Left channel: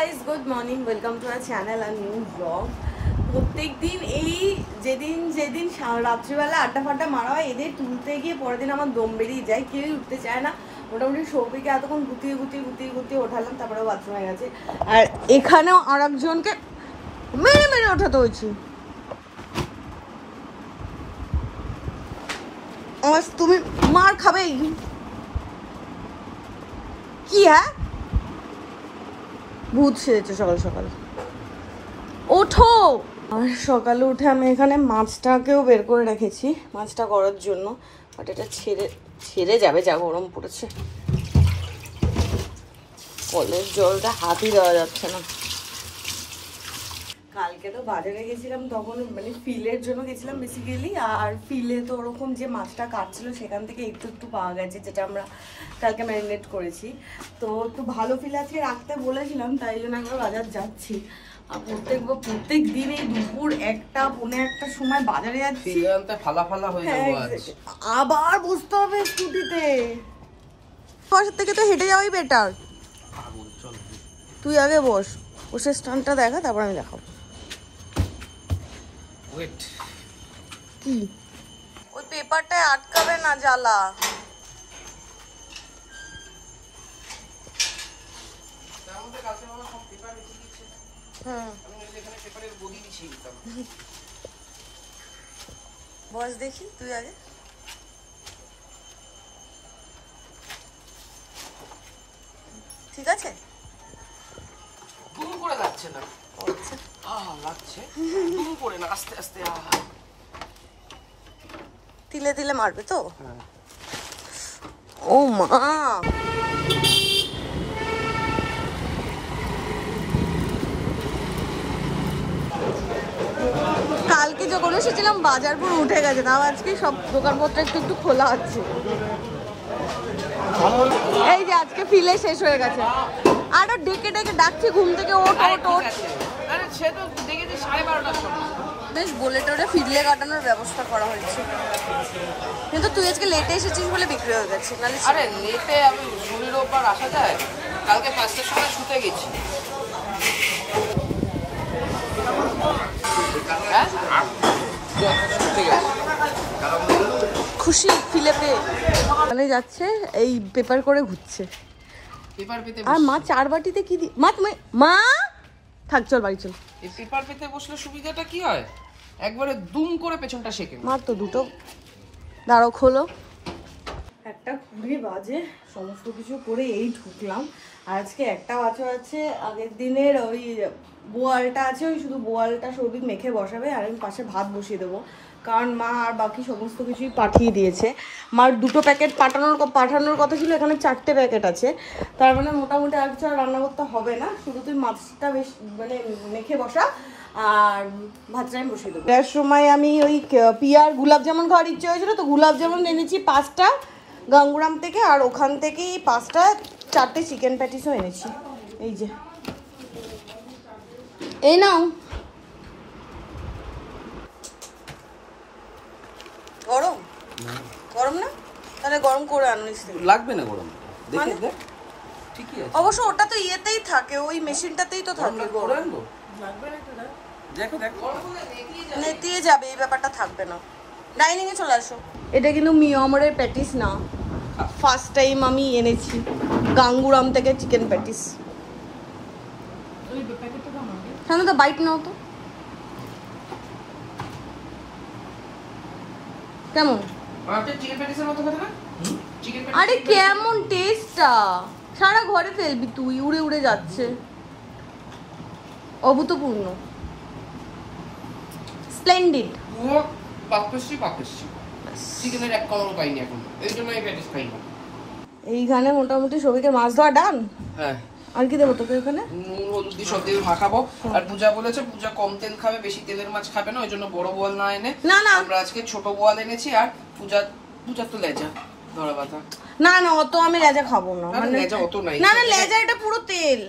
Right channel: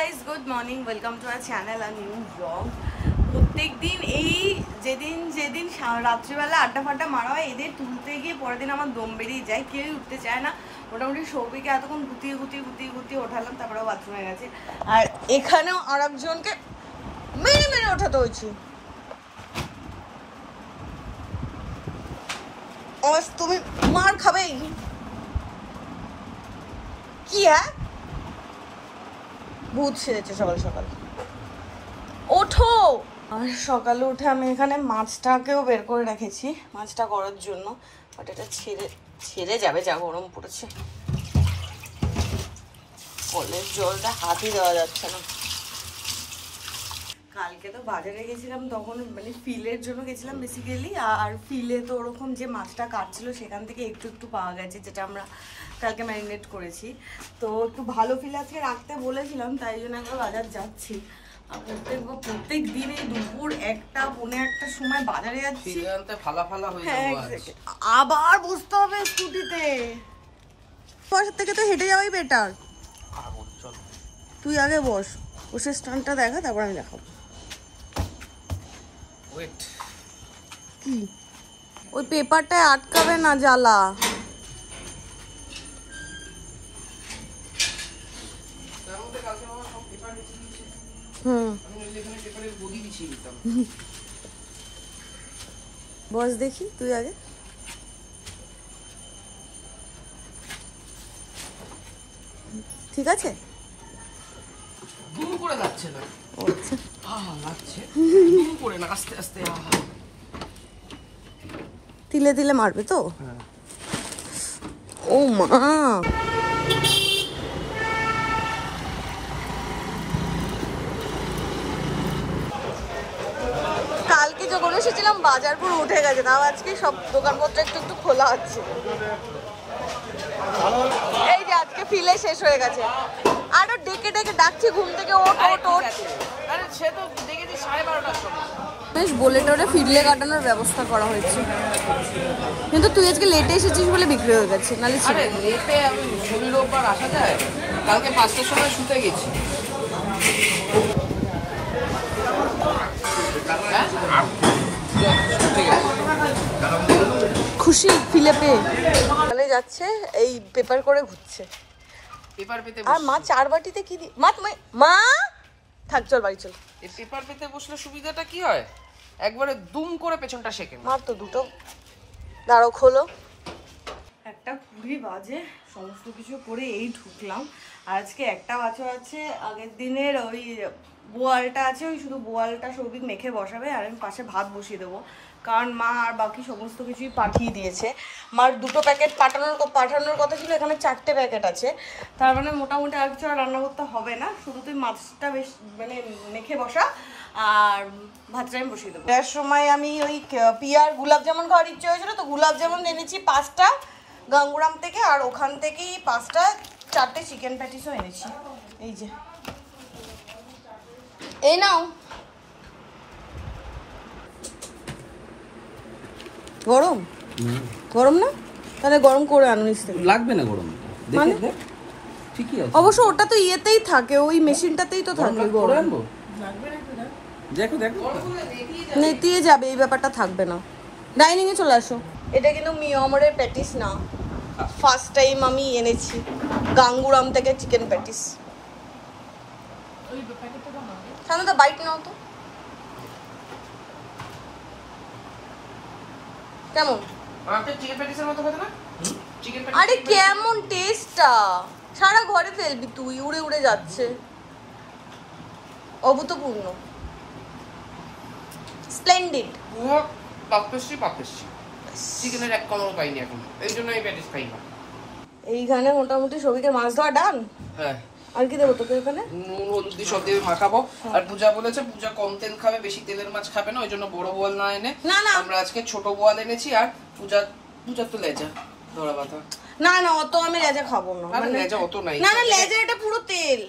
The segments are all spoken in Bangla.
guys, good morning. Welcome to our channel, a new vlog. প্রত্যেক দিন এই যেদিন রাত্রিবেলা আড্ডা ফাড্ডা মারা হয় এদের তুলতে গিয়ে পরের দিন আমার দম বেরিয়ে যায়, কেউই উঠতে চায় না। মোটামুটি সৌভিকে এতক্ষণ গুতিয়ে ওঠালাম, তারপরেও বাথরুমে গেছে। আর এখানেও আর একজনকে মেরে ওঠাতে হয়েছে। তুমি মার খাবে কি? হ্যাঁ, ভূত সেরেছে সকাল সকাল। ওঠো। আর সকালে উঠে আমি এখানে মাছটাকেও বের করে রেখেছি মাছটা করার জন্য, বাট এটা ছেড়ে যাবে, যা গরম পড়েছে। কলের জলটা হাতই দেওয়া যাচ্ছে না। কালকে তো বাজারে গেছিলাম, তখন মানে ফিলের জন্য গেছিলাম বেসিক্যালি। আর ফিলে তো ওরকম যে মাছটা কাটছিল সেখান থেকে একটু পাওয়া গেছে, যেটা আমরা কালকে ম্যারিনেট করেছি। তো একটু ভালো ফিলে আজকে রাখতে বলেছিলাম, তাই জন্য একবার বাজার যাচ্ছি। আর প্রত্যেক দিন এই দুপুর 1টা পৌনে 1টার সময় বাজারে যাচ্ছি। আবার বসতে হবে স্কুটিতে, বাসার থেকে তো হেঁটে যাওয়াই বেটার। তুই আগে বসে স্টানটা দেখা, তারপর আমি দেখাবো। কি ওই পেপারটায় আটকাবে না জ্বালা। বস দেখি, তুই আগে। ঠিক আছে, তিলে তিলে মারবে তো। ও মা, কালকে যখন এসেছিলাম বাজার পুরো উঠে গেছে, তাও আজকে সব দোকানপত্র একটু খোলা হচ্ছে। এই যে আজকে ফিলে শেষ হয়ে গেছে। আরো ডেকে ডাকছি ঘুম থেকে, ওঠ। বেশ বলে টোরে ফিরলে কাটানোর ব্যবস্থা করা হয়েছে, কিন্তু তুই আজকে লেটে এসেছিস বলে বিক্রি হয়ে গেছে। নাহলে লেটে আমি রোববার আসা যায়, কালকে 5টার সময় শুতে গেছি। খুশি ফিলে পেয়ে যাচ্ছে, এই পেপার করে ঘুরছে। আর মা 4 বাটিতে কি মা থাক, চল বাড়ি চল। এই পেপার পেতে বসলে সুবিধাটা কি হয়, একবারে দুম করে পেছনটা শেখে। মার তো দুটো দাঁড়ো, খোলো। 1:20 বাজে, সমস্ত কিছু করে এই ঢুকলাম। আজকে একটা বাছর আছে, আগের দিনের ওই বোয়ালটা আছে, ওই শুধু বোয়ালটা সৌভিক মেখে বসাবে, আর আমি পাশে ভাত বসিয়ে দেবো, কারণ মা আর বাকি সমস্ত কিছুই পাঠিয়ে দিয়েছে। মার 2টো প্যাকেট পাঠানোর কথা ছিল, এখানে 4টে প্যাকেট আছে। তার মানে মোটামুটি আর কিছু রান্না করতে হবে না, শুধু তুই মাছটা বেশ মানে মেখে বসা, আর ভাতটা আমি বসিয়ে দেবো। এর সময় আমি ওই পিয়ার গুলাব জামুন খাওয়ার ইচ্ছে হয়েছিল, তো গুলাব জামুন এনেছি 5টা গাঙ্গুরাম থেকে, আর ওখান থেকেই 4টে চিকেন প্যাটিসও এনেছি। এই যে, এই নাও। গরম না? তাহলে গরম করে আনিস। লাগবে না গরম, মানে ঠিকই আছে। অবশ্য ওটা তো ইয়েতেই থাকে, ওই মেশিনটাতেই তো থাকে। গরম দেখো নেতিয়ে যাবে, এই ব্যাপারটা থাকবে না। ডাইনিং এ চলে আসো। এটা কিন্তু মিয়ামারের প্যাটিস না, ফার্স্ট টাইম আমি এনেছি গাঙ্গুরাম থেকে চিকেন প্যাটিস। কেন তো বাইট নাও তো, কেমন? আরে কেমন টেস্টটা, সারা ঘরে ফেলবি তুই, উড়ে যাচ্ছে। অভূতপূর্ণ, স্প্লেন্ডিড। চিকেনের এক কলম পাইনি এখন, এই জন্য এই প্যাটিস পাই না। এইখানে মোটামুটি সবাইকে মাছ ধোয়া ডান। হ্যাঁ, আর কি দেবো তোকে এখানে? নুন হলুদ দিয়ে সব দিয়ে মাখাবো। আর পূজা বলেছে পূজা কম তেল খাবে, বেশি তেলের মাছ খাবে না, ওই জন্য বড় বোয়াল না এনে আমরা আজকে ছোট বোয়াল এনেছি। আর পূজা তো লেজা ধরা বাঁধা। না অত আমি লেজা খাবো না, মানে লেজা অত নাই। না লেজা এটা পুরো তেল।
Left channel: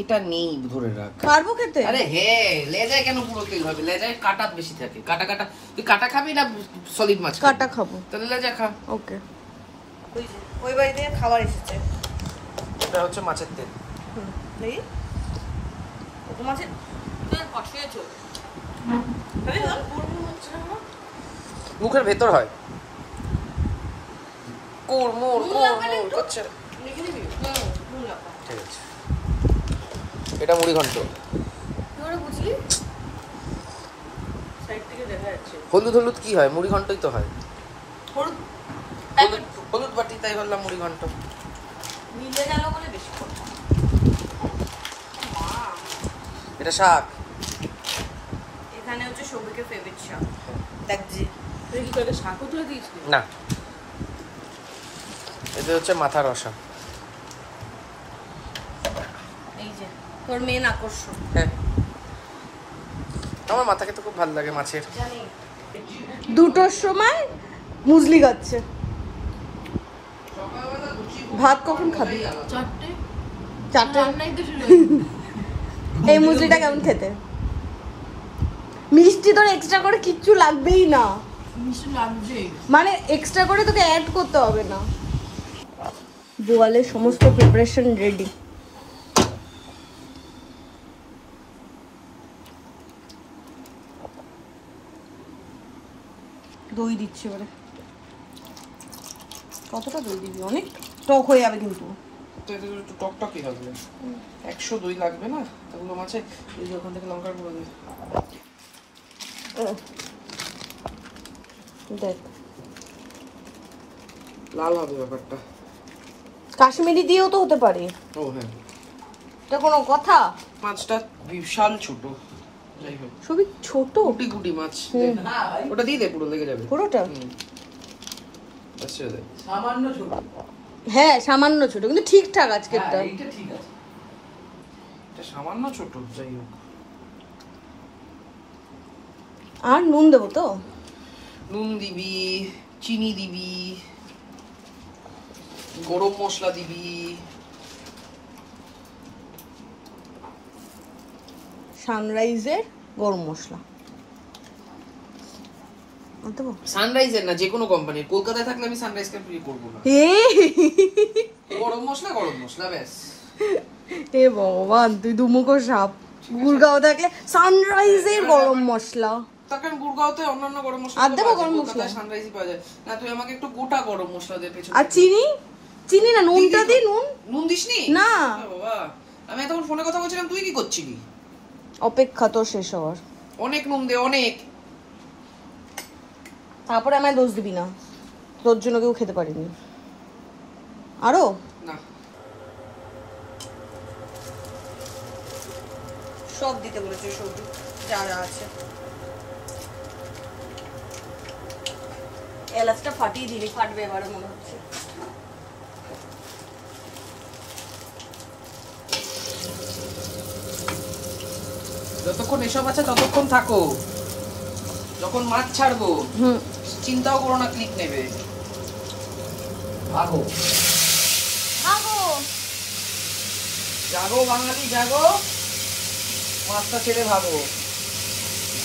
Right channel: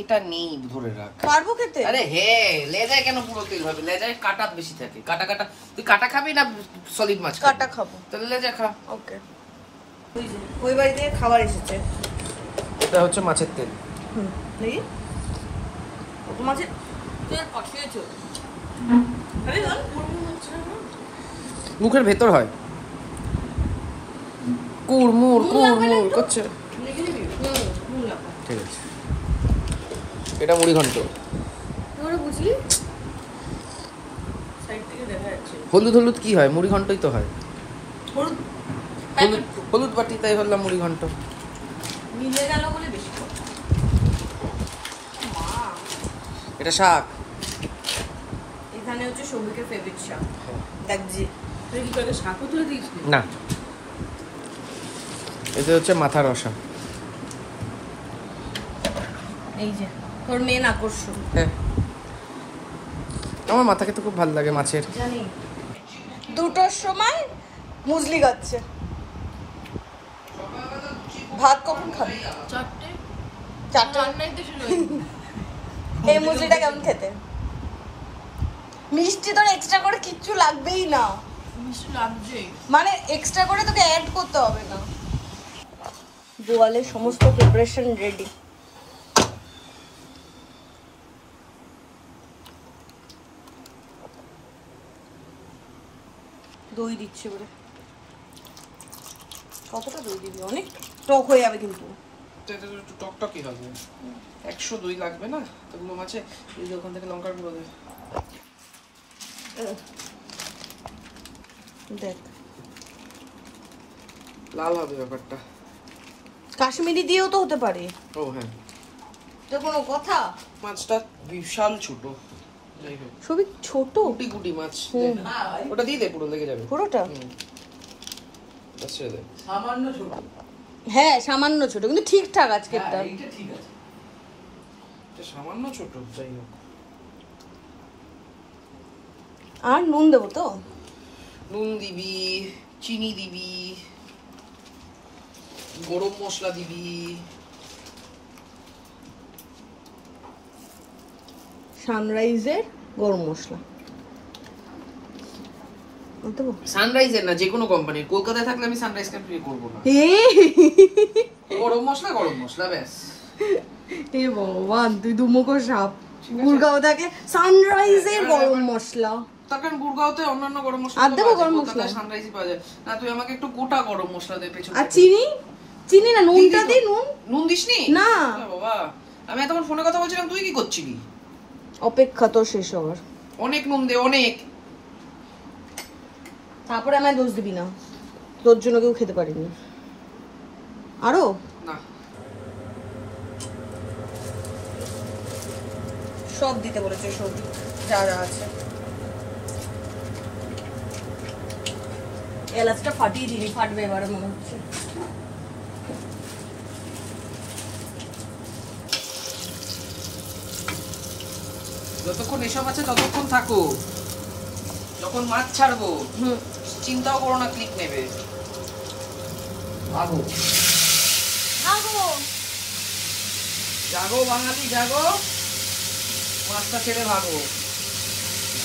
এটা নেই, ধরে রাখ। পারবো খেতে? আরে হ্যাঁ, লেজায় কেন পুরো তেল হবে? লেজায় কাটা বেশি থাকে। কাটা তুই কাটা খাবি না সলিড মাছ? কাটা খাবো। তাহলে লেজা খা। ওকে। ওই বাড়ি থেকে খাবার এসেছে। এটা হচ্ছে মাছের তেল। দেখি ছোট মাছের খেয়েছো? মুখের ভেতর হয় কুড়মুড় কুড়মুড় করছে। ঠিক আছে, এটা মুড়ি ঘন্ট। হলুদ হলুদ কি হয়? মুড়ি ঘন্টই তো হয়। হলুদ হলুদ বাটি, তাই বললাম মুড়ি ঘন্ট। মিলে গেল বলে বেশি। এটা শাক। এখানে হচ্ছে সৌভিকের ফেভারিট শাক। দেখছি তুই কি করে শাকও তুলে দিস না, এটা হচ্ছে মাথার রসা। এই যে তোর মেন আকর্ষণ। হ্যাঁ, আমার মাথা খেতে খুব ভালো লাগে মাছের। জানি 2টোর সময় মুসলি খাচ্ছে। ভাত কখন খাবি? 4টে। এই মুসলিটা কেমন খেতে? মিষ্টি তোর এক্সট্রা করে কিচ্ছু লাগবেই না। মিষ্টি লাগবে মানে এক্সট্রা করে তোকে অ্যাড করতে হবে না। বোয়ালের সমস্ত প্রিপারেশন রেডি। দই দিচ্ছি বলে। কতটা দই দিবি? অনেক টক হয়ে যাবে কিন্তু। টকটকই হবে। 102 লাগবে না এগুলো মাছে। এই যে ওখান থেকে লঙ্কা গুঁড়ো দিই। দেখ লাল হবে ব্যাপারটা। কাশ্মীরি দিয়েও তো হতে পারে। ও হ্যাঁ, এটা কোনো কথা? মাছটা বিশাল ছোট। সবই ছোট গুটি গুটি মাছ। ওটা দিয়ে দে, পুরো লেগে যাবে পুরোটা। আচ্ছা, সামান্য ছোট। হ্যাঁ সামান্য ছোট, কিন্তু ঠিকঠাক আজকেরটা। এটা ঠিক আছে, এটা সামান্য ছোট। যাই হোক, আর নুন দেবো তো? নুন দিবি, চিনি দিবি, গরম মশলা দিবি, সানরাইজের গরম মশলা দেবো। সানরাইজের না, যে কোনো কোম্পানি। কলকাতায় থাকলে আমি সানরাইজকে প্রে করব না। গরম মশলা ব্যাস। এ ভগবান, তুই দুমুখো সাপ। গুড়গাঁও থাকলে সানরাইজের গরম মশলা। তখন গুড়গাঁওতে অন্যান্য গরম মশলা আর দেবো গরম মশলা। সানরাইজই পাওয়া যায় না। তুই আমাকে একটু গোটা গরম মশলা দে পেছনে। আর চিনি? চিনি না, নুনটা দি। নুন দিসনি? না বাবা, আমি এতক্ষণ ফোনে কথা বলছিলাম, তুই কি করছিলি? অপেক্ষা তোর শেষ হওয়ার। অনেক নুন দে, অনেক। তারপরে আমায় দোষ দিবি না, তোর জন্য কেউ খেতে পারিনি। আরো সব দিতে বলেছে, সব যা যা আছে। এলাচটা ফাটিয়ে দিবি, ফাটবে এবারে মনে হচ্ছে। যতক্ষণ এসব আছে ততক্ষণ থাকো। যখন মাছ ছাড়বো চিন্তাও করো না, ক্লিক নেবে। জাগো জাগো বাঙালি, জাগো। মাছটা ছেড়ে ভাগো,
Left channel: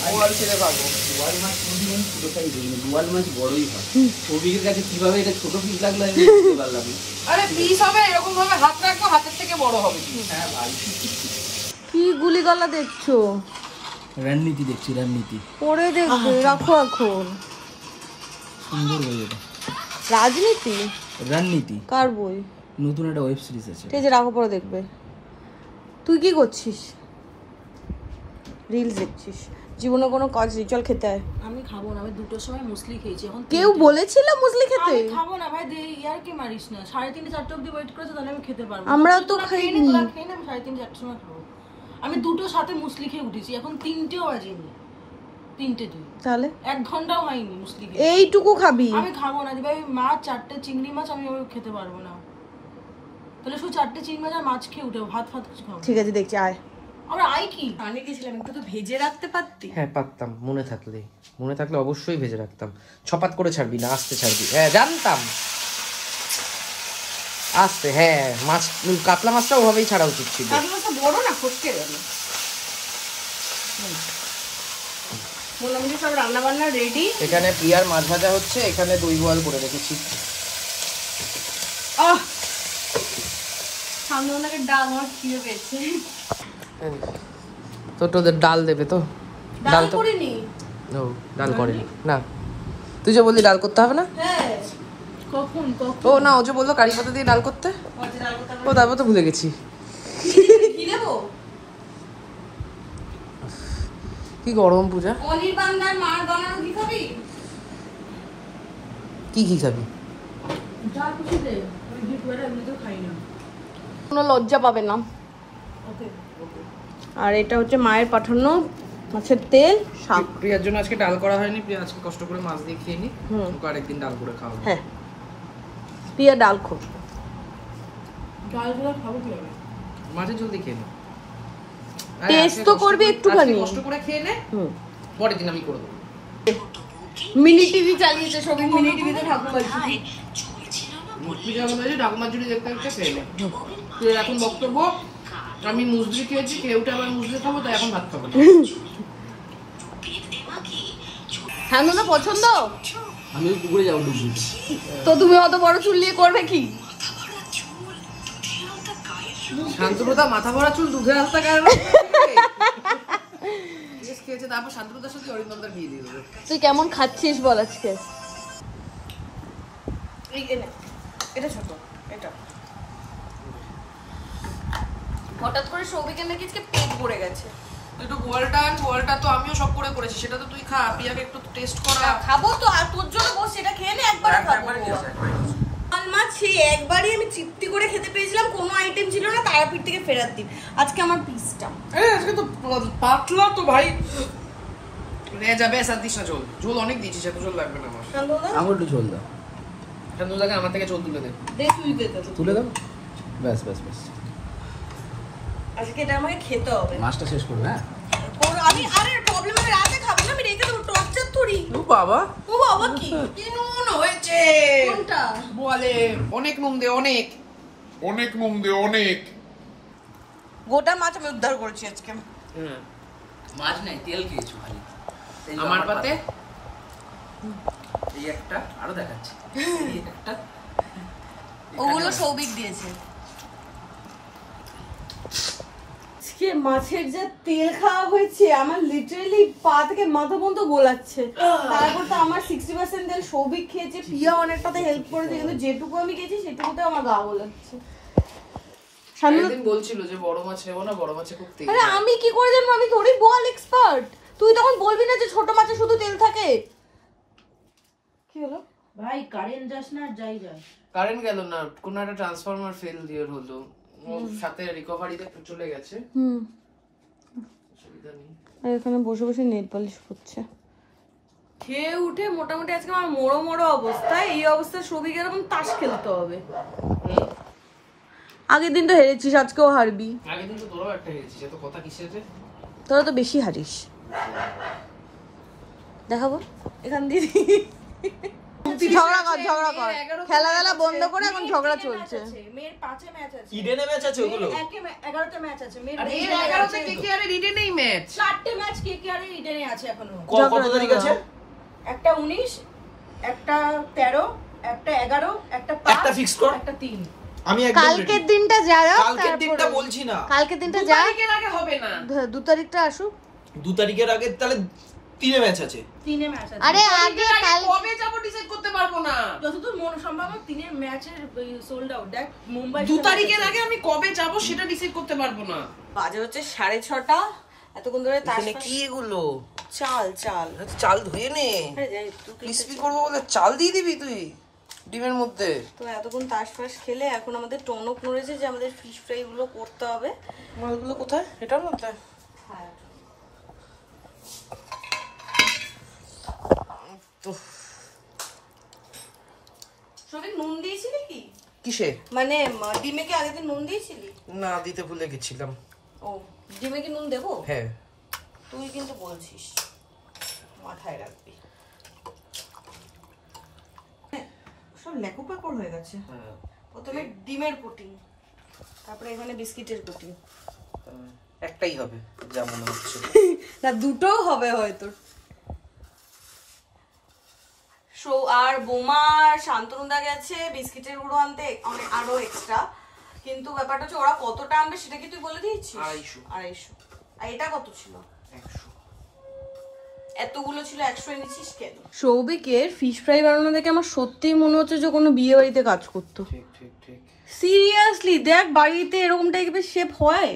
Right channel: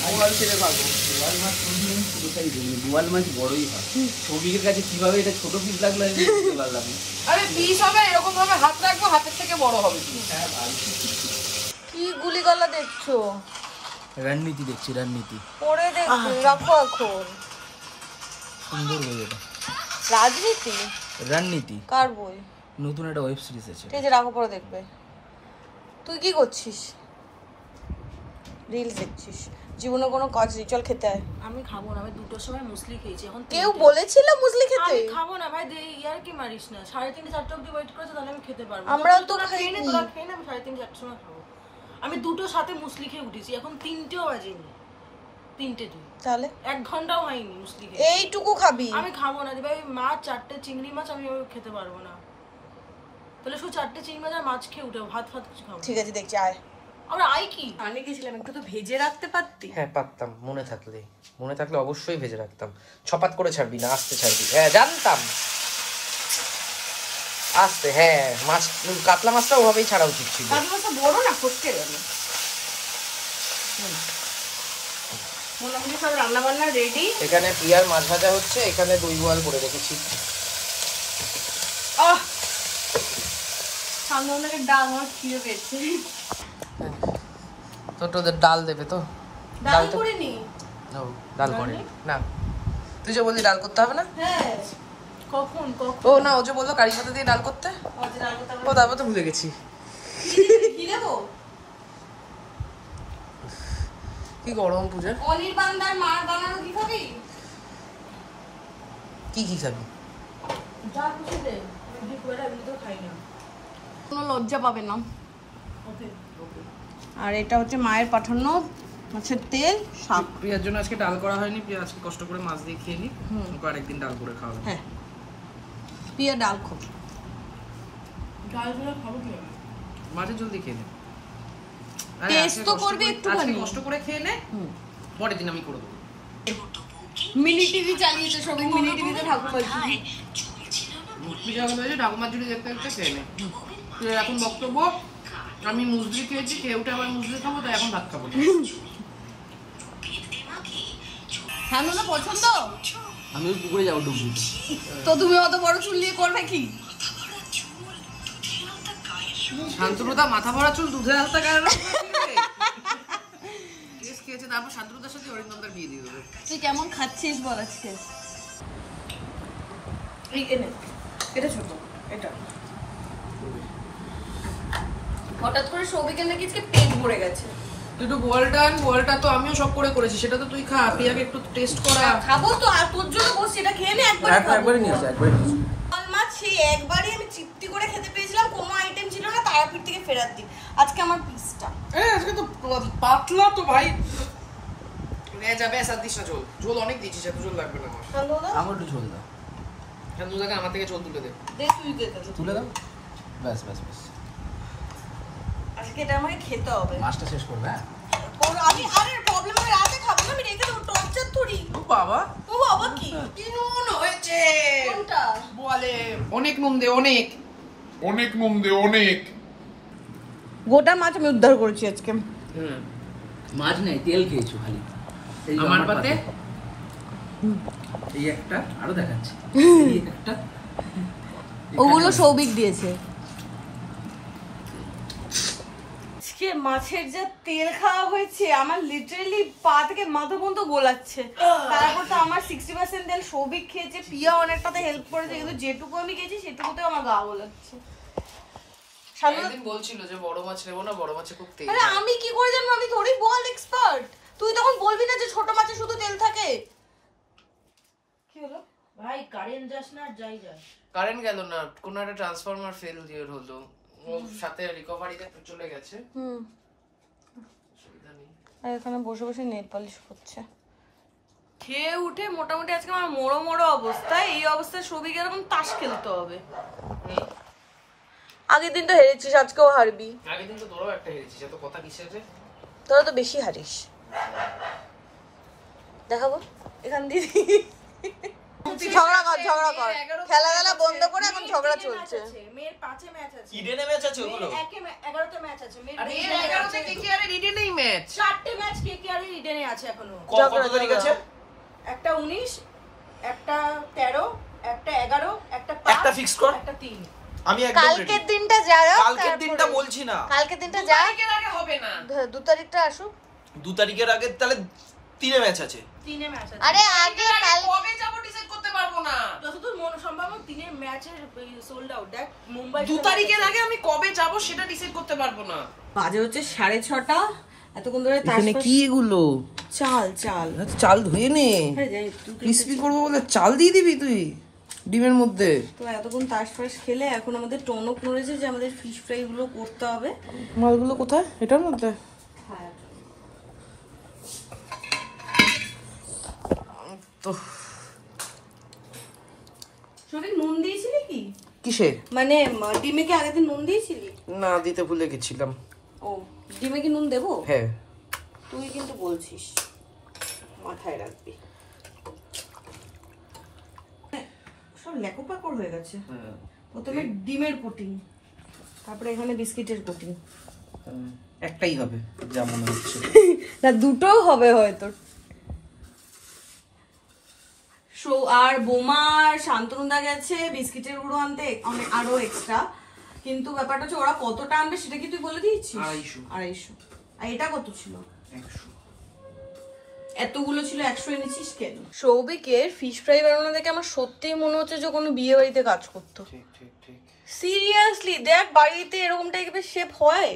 বোয়াল ছেড়ে ভাগো। বোয়াল মাছ কোনদিন কোথায় দেয়নি। বোয়াল মাছ বড়ই হয়। সৌভিকের কাছে কিভাবে এটা ছোট পিস লাগলো আমি বুঝতে পারলাম। আরে পিস হবে এরকম ভাবে হাত রাখবো, হাতের থেকে বড় হবে। হ্যাঁ ভাই, কি গুলিগলা দেখছো? রণনীতি দেখছি, রণনীতি। পরে দেখবে, রাখো এখন। সুন্দর বই এটা। রাজনীতি রণনীতি কার বই? নতুন একটা ওয়েব সিরিজ আছে। ঠিক আছে, রাখো, পরে দেখবে। তুই কি করছিস? রিলস দেখছিস? জীবনে কোনো কাজ নেই, চল খেতে আয়। আমি খাবো না, আমি 2টোর সময় মুসলি খেয়েছি। এখন কেউ বলেছিল মুসলি খেতে? আমি খাবো না ভাই, ইয়ার কি মারিস না। 3:30 4টা অবধি ওয়েট করেছে, তাহলে আমি খেতে পারবো। আমরাও তো খাইনি। তোরা খেয়ে না, আমি 3:30 4টার সময় খাবো। আমি 2টোর সাথে মুসলি খেয়ে উঠেছি, এখন 3টেও বাজেনি। 3টে 2, তাহলে 1 ঘন্টাও হয়নি মুসলি খেয়ে। এইটুকু খাবি? আমি খাবো না ভাই, মাছ 4টে চিংড়ি মাছ আমি খেতে পারবো না। তাহলে শুধু 4টে চিংড়ি মাছ আর মাছ খেয়ে উঠে ভাত ফাত কিছু খাবো। ঠিক আছে, দেখছি আয়। আমরা আই কি আমি দিয়েছিলাম, একটু তো ভেজে রাখতে পারতি। হ্যাঁ পারতাম, মনে থাকলে অবশ্যই ভেজে রাখতাম। ছপাত করে ছাড়বি না, আস্তে ছাড়বি। হ্যাঁ জানতাম, আস্তে। হ্যাঁ মাছ, কাতলা মাছটা ওভাবেই ছাড়া উচিত ছিল। বড় না করতে রান্না বান্না রেডি। এখানে প্রিয়ার মাছ ভাজা হচ্ছে, এখানে দই বয়েল করে রেখেছি। সামনে ডাল আমার খেয়ে পেয়েছি। তো ডাল দেবে তো? ডাল করিনি। ও ডাল করেনি না, তুই যে বললি ডাল করতে হবে না। হ্যাঁ কখন ও না, ও যে বললো কারি পাতা দিয়ে ডাল করতে, ও তারপর তো ভুলে গেছি। কি দেবো? কি গরম পূজা, পনির বান্দার মার বানানো কি খাবি? কি কি খাবি? যা খুশি দে, আমি তো খাই না। কোনো লজ্জা পাবে না। ওকে আর এটা হচ্ছে মায়ের পাঠানো মাছের তেল, শাক। প্রিয়ার জন্য আজকে ডাল করা হয়নি, প্রিয়া আজকে কষ্ট করে মাছ দিয়ে খেয়ে নি, হুম। ওকে আরেকদিন ডাল করে খাওয়াবো। হ্যাঁ, পিয়া ডাল খো। ডালগুলো খাবো কি হবে? মাছের জলদি খেয়ে নে, টেস্ট তো করবি একটুখানি, কষ্ট করে খেয়ে নে, পরের দিন আমি করে দেবো। মিনি টিভি চালিয়েছে, সবই মিনি টিভিতে ঠাকুর বলছি। ঠাকুমার জুড়ি দেখতে দেখতে খেয়ে নে। তুই এখন বক্তব্য, আমি মুসলি খেয়েছি, কেউটা আবার মুসলি খাবো, তাই এখন ভাত খাবো না। হ্যাঁ না পছন্দ, আমি পুকুরে যাবো ডুব দিতে। তো তুমি অত বড় চুল নিয়ে করবে কি? শান্তপ্রতা মাথা ভরা চুল দুধে হালতা কেন খেয়েছে, তারপর শান্তপ্রতার সাথে অরিন্দমদার বিয়ে দিয়ে দেবে। তুই কেমন খাচ্ছিস বল আজকে? এটা ছোট, এটা হঠাৎ করে সৌভিকের নাকি আজকে পেট ভরে গেছে। তুই একটু বোয়ালটা আন, বোয়ালটা তো আমিও শখ করে করেছি, সেটা তো তুই খা, প্রিয়াকে একটু টেস্ট করা। খাবো তো, আর তোর জন্য বস এটা খেয়ে নে একবার। একবারই নিয়ে আসে, একবারই নিয়ে আসে। লাল মাছ সেই একবারই আমি তৃপ্তি করে খেতে পেয়েছিলাম, কোনো আইটেম ছিল না, তারাপীঠ থেকে ফেরত দিই। আজকে আমার পিসটা আজকে তো পাতলা তো ভাই, যাবে সাদিস না, ঝোল ঝোল অনেক দিয়েছিস, এত ঝোল লাগবে না আমার। আমার একটু ঝোল দাও, শান্তদাকে আমার থেকে ঝোল তুলে দে। দে তুই দে তো। তুলে দাও, ব্যাস ব্যাস ব্যাস। আজকে এটা আমাকে খেতে হবে। মাছটা শেষ করবে। হ্যাঁ আমি আরে প্রবলেম আছে, রাতে খাবো না, আমি রেখে দেবো, টর্চার থরি। ও বাবা, ও বাবা কি কি নুন হয়েছে কোনটা? বলে অনেক নুন দে, অনেক অনেক নুন দে, অনেক। গোটা মাছ আমি উদ্ধার করেছি আজকে। মাছ নাই, তেল খেয়েছো খালি। এই যে আমার আমার পাতে পাতে এই একটা, আরো দেখাচ্ছি এই একটা, ওগুলো সৌভিক দিয়েছে। আজকে মাছের যে তেল খাওয়া হয়েছে, আমার লিটারালি পা থেকে মাথা পর্যন্ত গোলাচ্ছে। তারপর তো আমার 60% তেল সৌভিক খেয়েছে, পিয়া অনেকটাতে হেল্প করেছে, কিন্তু যেটুকু আমি খেয়েছি সেটুকুতে আমার গা গোলাচ্ছে। একদিন বলছিল যে বড় মাছ নেবো না, বড় মাছে খুব তেল। আরে আমি কি করে জানবো? আমি থোড়ি বল এক্সপার্ট। তুই তখন বলবি না যে ছোট মাছে শুধু তেল থাকে। কি হলো ভাই? কারেন্ট যাস না, যাই যাস। কারেন্ট গেল না, কোন একটা ট্রান্সফরমার ফেল দিয়ে হলো, ওর সাথে রিকভারিতে চলে গেছে। অসুবিধা নেই। এখানে বসে বসে নেল পলিশ করছে। খেয়ে উঠে মোটামুটি আজকে আমার মোড়ো মোড়ো অবস্থা। এই অবস্থায় সবিকে এরকম তাস খেলতে হবে। আগের দিন তো হেরেছিস, আজকেও হারবি। আগের দিন তো তোরাও একটা হেরেছিস, এত কথা কিসের রে? তোরা তো বেশি হারিস। দেখাবো এখান দিয়ে। ঝগড়া কর। খেলা বন্ধ করে এখন ঝগড়া চলছে। মেয়ের 5 ম্যাচ আছে, ইডেনে ম্যাচ আছে ওগুলো। 11তে ম্যাচ আছে। মেয়ের আরে 11তে কেকেআর ইডেনেই ম্যাচ। 4টে ম্যাচ কেকেআর এর ইডেনে আছে এখনো। কত তারিখ আছে? একটা 19, একটা 13, একটা 11, একটা 5, একটা fixed কর। একটা 3। আমি একদম রেডি। কালকের দিনটা যারা, কালকের দিনটা বলছি না, কালকের দিনটা যা, তারিখের আগে হবে না। 2 তারিখটা আসুক। 2 তারিখের আগে তাহলে 3 ম্যাচ আছে। 3 ম্যাচ আছে। আরে আগে কবে যাবো ডিসাইড করতে পারবো না। যতদূর মন সম্ভব 3 ম্যাচের সোল্ড আউট। দেখ মুম্বাই 2 তারিখের আগে আমি কবে যাবো সেটা ডিসাইড করতে পারবো না। বাজে হচ্ছে 6:30। এতক্ষণ ধরে এখানে কি এগুলো? চাল চাল ধুয়ে নে, ক্রিসপি করবো বলে চাল দিয়ে দিবি তুই ডিমের মধ্যে। তো এতক্ষণ তাস ফাস খেলে এখন আমাদের টনক নড়েছে যে আমাদের ফিশ ফ্রাই গুলো করতে হবে। মালগুলো কোথায়? এটার মধ্যে? সবই নুন দিয়েছিলি কি? কিসে? মানে ডিমে কি আগে নুন দিয়েছিলি? না, দিতে ভুলে গেছিলাম। ও, ডিমে কি নুন দেবো? হ্যাঁ। তুই কিন্তু বলছিস, মাথায় রাখবি। সব লেকোপাকর হয়ে গেছে। প্রথমে ডিমের কোটিং, তারপরে এখানে বিস্কিটের কোটিং। একটাই হবে যা মনে হচ্ছে। না, দুটোও হবে হয়তো। আর বোমার শান্তনুদা গেছে বিস্কিটের গুঁড়ো আনতে আরো এক্সট্রা, কিন্তু ব্যাপারটা হচ্ছে ওরা কতটা আনবে সেটা কি তুই বলে দিয়েছিস? 250। 250 আর এটা কত ছিল? 100। এতগুলো ছিল, 100 এনেছিস কেন? সৌভিকের ফিশ ফ্রাই বানানো দেখে আমার সত্যিই মনে হচ্ছে যে কোনো বিয়ে বাড়িতে কাজ করতো। ঠিক ঠিক ঠিক। সিরিয়াসলি দেখ, বাড়িতে এরকম টাইপের শেপ হয়?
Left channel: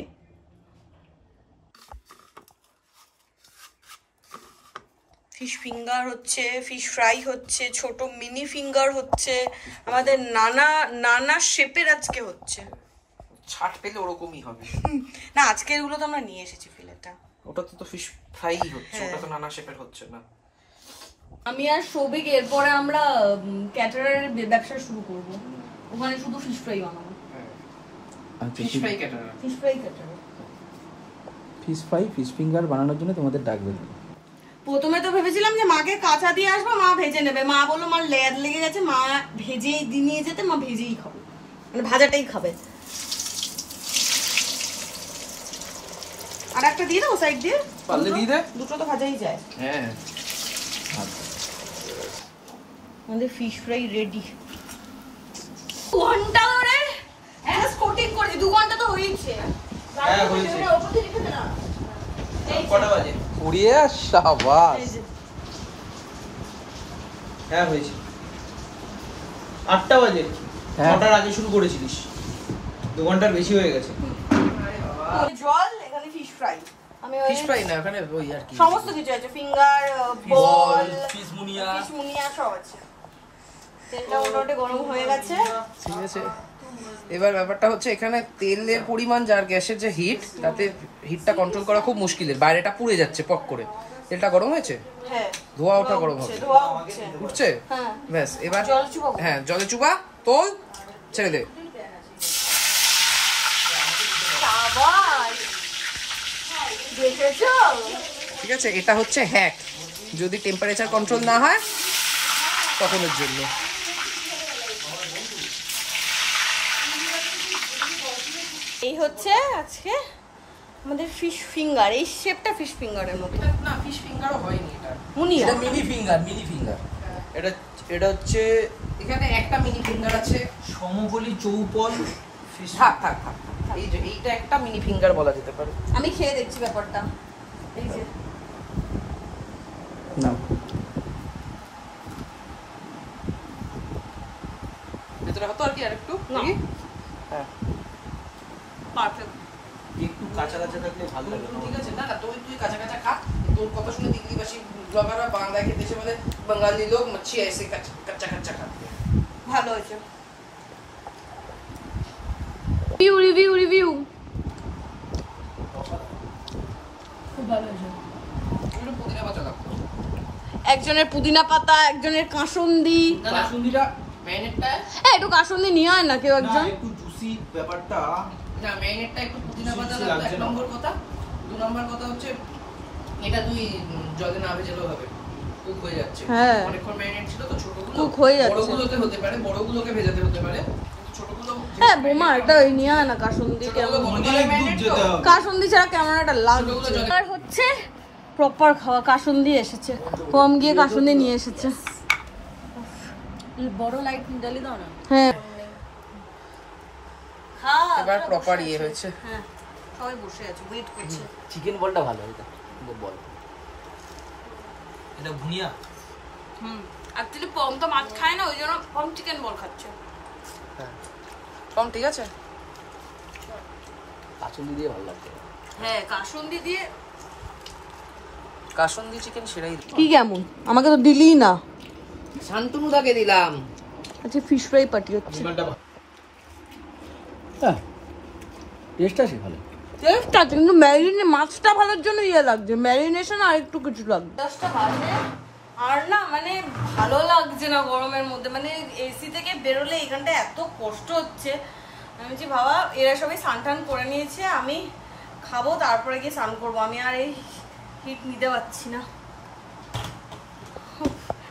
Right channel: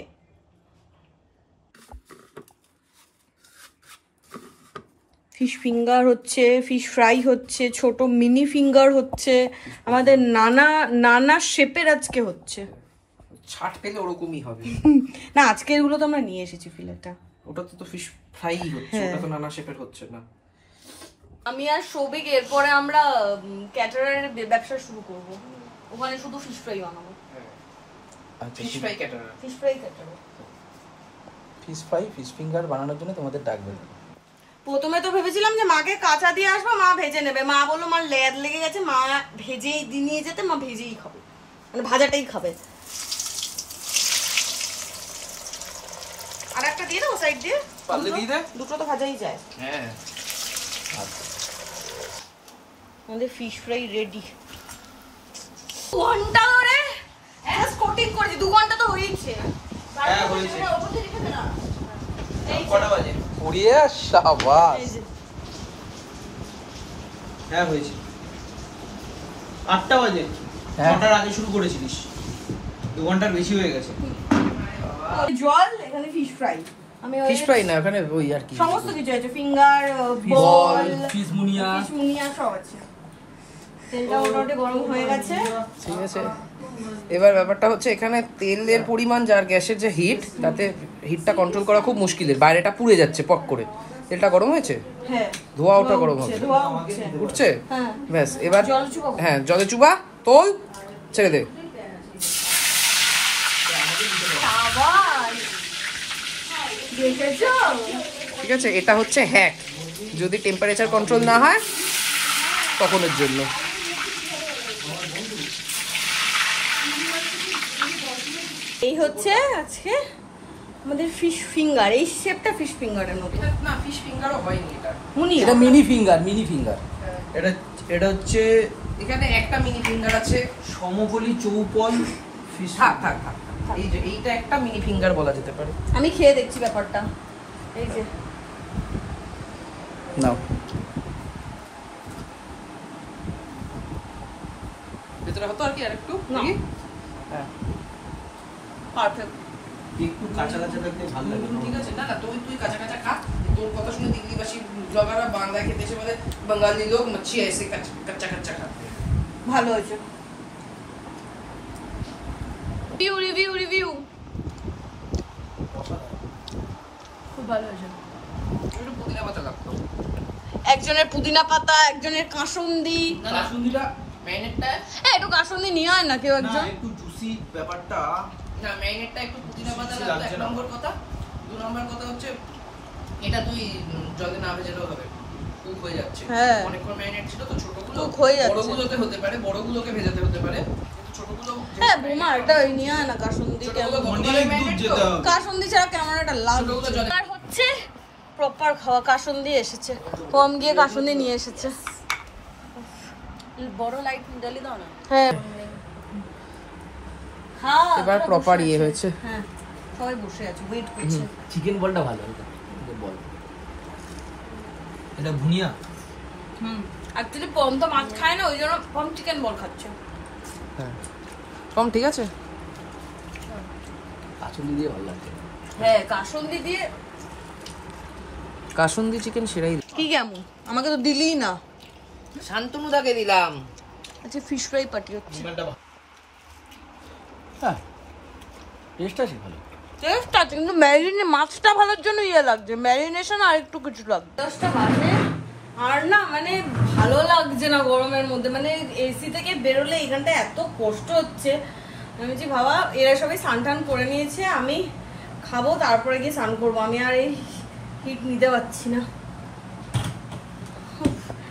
ফিশ ফিঙ্গার হচ্ছে, ফিশ ফ্রাই হচ্ছে, ছোট মিনি ফিঙ্গার হচ্ছে, আমাদের নানা নানা শেপের আজকে হচ্ছে। ছাট পেলে ওরকমই হবে। না, আজকে এগুলো তো আমরা নিয়ে এসেছি ফিলেটা। ওটা তো ফিশ ফ্রাই হচ্ছে, ওটা তো নানা শেপের হচ্ছে না। আমি আর সৌভিক এরপরে আমরা ক্যাটারারের ব্যবসা শুরু করব। ওখানে শুধু ফিশ ফ্রাই বানাবো। Fish fry caterer. Fish fry caterer. Fish fry, fish finger বানানোর জন্য তোমাদের ডাকবে। প্রথমে তো ভেবেছিলাম যে মাকে কাঁচা দিয়ে আসবো, মা ভেজে নেবে। মা বললো মার লেদ লেগে গেছে, মা ভেজেই নিয়ে যেতে, মা ভেজেই খাবে, মানে ভাজাটাই খাবে। আর একটা দিয়ে দেবো সাইড দিয়ে? পারলে দিয়ে দে। দুটো তো ভাজাই যায়। হ্যাঁ। আমাদের ফিশ ফ্রাই রেডি। ঘন্টা ধরে একটা কোটিং করেছি, 2 ঘন্টা তো হয়েছে। হ্যাঁ, হয়েছে। ওপর থেকে দেখে না। এই যে। কটা বাজে? উড়িয়ে শাবাশ। হ্যাঁ হয়েছে। 8টা বাজে। 9টার আগে শুরু করেছিলিস। 2 ঘন্টার বেশি হয়ে গেছে। জল, এখানে ফিশ ফ্রাই। আমি ওই ফিশ ফ্রাই না, ওখানে ওই আর কি সমস্ত কিছু আছে, ফিঙ্গার, বল, ফিশ মুনিয়া। ফিশ মুনিয়া সব আছে। তেলটা মোটামুটি গরম হয়ে গেছে। এবার ব্যাপারটা হচ্ছে এখানে তেলের পরিমাণ যার গ্যাসের যে হিট, তাতে হিটটা কন্ট্রোল করা খুব মুশকিলের। বাইরেটা পুড়ে যাচ্ছে পক করে। তেলটা গরম হয়েছে? হ্যাঁ, ধোঁয়াটা গরম হচ্ছে। ধোয়া উঠছে। উঠছে? হ্যাঁ। ব্যাস, এবার জল চুবাবো? হ্যাঁ, জলে চুবা, তোল, ছেড়ে দে। দেখেছো? ঠিক আছে, এটা হচ্ছে হ্যাক। যদি টেম্পারেচার কন্ট্রোল না হয় তখনের জন্য। এই হচ্ছে আজকে আমাদের ফিশ ফিঙ্গার। এই শেপটা ফিশ ফিঙ্গারের মতো। এটা না, ফিশ ফিঙ্গারও হয়নি এটা। মুনি এটা মিনি ফিঙ্গার, মিনি ফিঙ্গার। এটা হচ্ছে এখানে একটা মিনি ফিঙ্গার আছে, সমবলি চৌপল ফিশ। থাক থাক থাক, এই যে এইটা একটা মিনি ফিঙ্গার বলা যেতে পারে। আমি খেয়ে দেখছি ব্যাপারটা। এই যে নাও, ভিতরে হতো আর কি আরেকটু। হ্যাঁ, পারফেক্ট। একটু কাঁচা কাঁচা থাকলে ভালো লাগে। ঠিক আছে, না না, তুই কাঁচা কাঁচা খা। তোর কথা শুনে দিল্লিবাসী ব্লগাররা বাংলায় খেতে এসে বলে বাঙালি লোক মাছি এসে কাঁচা কাঁচা খাবে। ভালো হয়েছে। রিভিউ রিভিউ রিভিউ খুব ভালো হয়েছে। পুদিনা পাতা লাগতো। একজনের পুদিনা পাতা, একজনের কাসুন্দি। কাসুন্দিটা ম্যারিনেটটা, হ্যাঁ, একটু কাসুন্দি নিয়ে আয় না কেউ একজন। একটু জুসি ব্যাপারটা। না, ম্যারিনেটটা একটু পুদিনা পাতা লাগবে, 1 নম্বর কথা। 2 নম্বর কথা হচ্ছে এটা তুই জলে না ভেজালেও হবে, কুক হয়ে যাচ্ছে। হ্যাঁ, অনেকক্ষণ ম্যারিনেট ছিল তো, ছোটগুলো কুক হয়ে যাচ্ছে। বড়গুলোতে হতে পারে, বড়গুলোকে ভেজাতে হতে পারে, কিন্তু ছোটগুলো। হ্যাঁ বোমা, এটা নিয়ে আয় না কাসুন্দি। কেমন যেতে হবে। কাসুন্দি ছাড়া কেমন একটা লাগছে। আর হচ্ছে প্রপার খাওয়া কাসুন্দি এসেছে। কম গিয়ে কাসুন্দি নিয়ে এসেছে। বড় লাইট জ্বালিয়ে দাও না। হ্যাঁ, খাওয়া এবার প্রপার ইয়ে হয়েছে। হ্যাঁ, সবাই বসে আছে, ওয়েট করছে। চিকেন বলটা ভালো, এটা বল। এটা ভুনিয়া। অ্যাকচুয়ালি পম তো মাছ খায় না, ওই জন্য পম চিকেন বল খাচ্ছে। হ্যাঁ, কম ঠিক আছে। কাঁচুলি দিয়ে ভালো লাগছে। হ্যাঁ, কাসুন্দি দিয়ে। কাসুন্দি চিকেন সেরাই। কি কেমন? আমাকে তো দিলি না। শান্তনুদাকে দিলাম। আচ্ছা, ফিশ ফ্রাই পার্টি হচ্ছে। হ্যাঁ, টেস্ট আছে ভালো। টেস্ট আছে, কিন্তু মাছটা ভালোর জন্য ইয়ে লাগছে, ম্যারিনেশন আর একটু কিছু লাগবে। আর না মানে ভালো লাগছে না গরমের মধ্যে, মানে এসি থেকে বেরোলে এখানটা এত কষ্ট হচ্ছে। আমি যে বাবা, এরা সবাই স্নান টান করে নিয়েছে, আমি খাবো তারপরে গিয়ে স্নান করবো। আমি আর এই হিট নিতে পারছি না।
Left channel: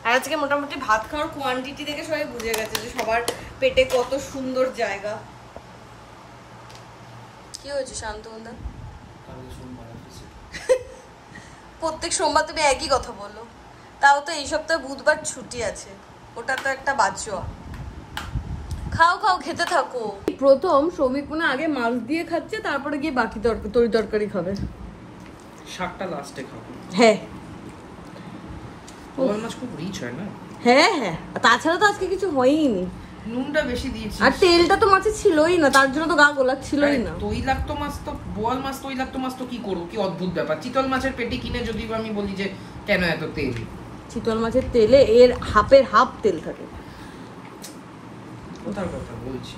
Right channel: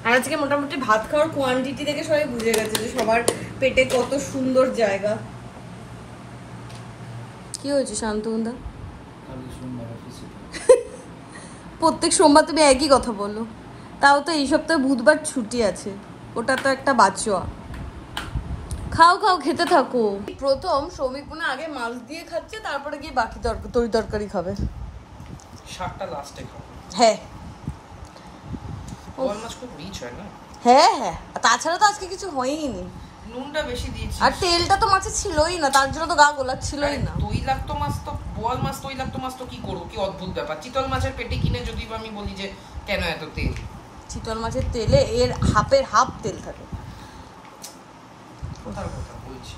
আর আজকে মোটামুটি ভাত খাওয়ার কোয়ান্টিটি দেখে সবাই বুঝে গেছে যে সবার পেটে কত সুন্দর জায়গা। কি হয়েছে শান্তনুদা? প্রত্যেক সোমবার তুমি একই কথা বলো। তাও তো এই সপ্তাহে বুধবার ছুটি আছে, ওটা তো একটা বাঁচোয়া। খাও খাও, খেতে থাকো। প্রথম শ্রমিক মনে আগে মাছ দিয়ে খাচ্ছে, তারপরে গিয়ে বাকি তরি তরকারি খাবে। শাকটা লাস্টে খাবো। হ্যাঁ বোয়াল মাছ খুব রিচ হয় না? হ্যাঁ হ্যাঁ, আর তাছাড়া তো আজকে কিছু হয়ইনি। নুনটা বেশি দিয়েছি। আর তেলটা তো মাছে ছিলই না, তার জন্য তো গা গোলাচ্ছিলই না। তৈলাক্ত মাছ তো, বোয়াল মাছ তৈলাক্ত মাছ তো কি করবো, কি অদ্ভুত ব্যাপার। চিতল মাছের পেটি কিনে যদি আমি বলি যে কেন এত তেল, চিতল মাছের তেলে এর হাফের হাফ তেল থাকে। কোথার কথা বলছি।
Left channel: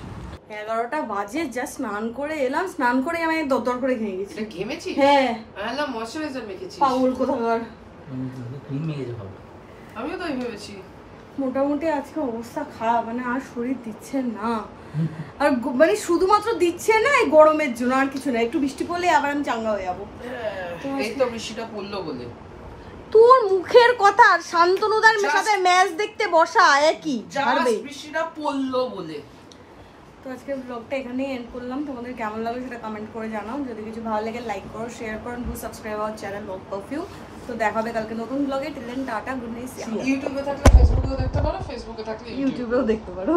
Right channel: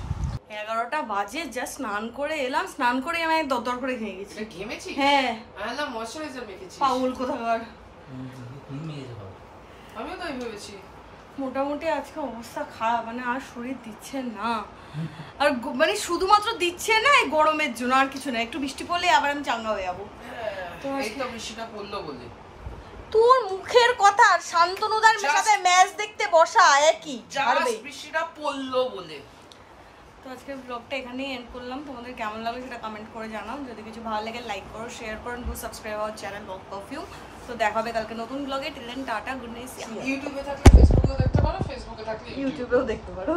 11টা বাজে, জাস্ট স্নান করে এলাম, স্নান করে আমি দরদর করে খেয়ে গেছি। এটা ঘেমেছি? হ্যাঁ আলা ময়শ্চারাইজার মেখেছি। পাগল কোথাকার। আমিও তাই ভেবেছি। মোটামুটি আজকে অবস্থা খারাপ, মানে আর শরীর দিচ্ছে না। আর মানে শুধুমাত্র দিচ্ছে না এই গরমের জন্য, আর কিছু না। একটু বৃষ্টি পড়লে আবার আমি চাঙ্গা হয়ে যাবো। এই তো বৃষ্টিটা পড়লো বলে। তোর মুখের কথা আর শান্তনুদার সাথে ম্যাচ দেখতে বসা একই। জাস্ট বৃষ্টিটা পড়লো বলে। তো আজকে ব্লগটা এখানেই এন্ড করলাম। তোমাদের কেমন লাগলো সেটা কমেন্ট করে জানাও। যদি কিছু ভালো লাগে লাইক করো, শেয়ার করো, do subscribe our channel walk perfume. তো দেখা হবে কালকে নতুন ব্লগে। Till then tata, good night. ইউটিউবে থাকলে ফেসবুকেও দেখতে পারো, ফেসবুকে থাকলে ইউটিউবেও দেখতে পারো।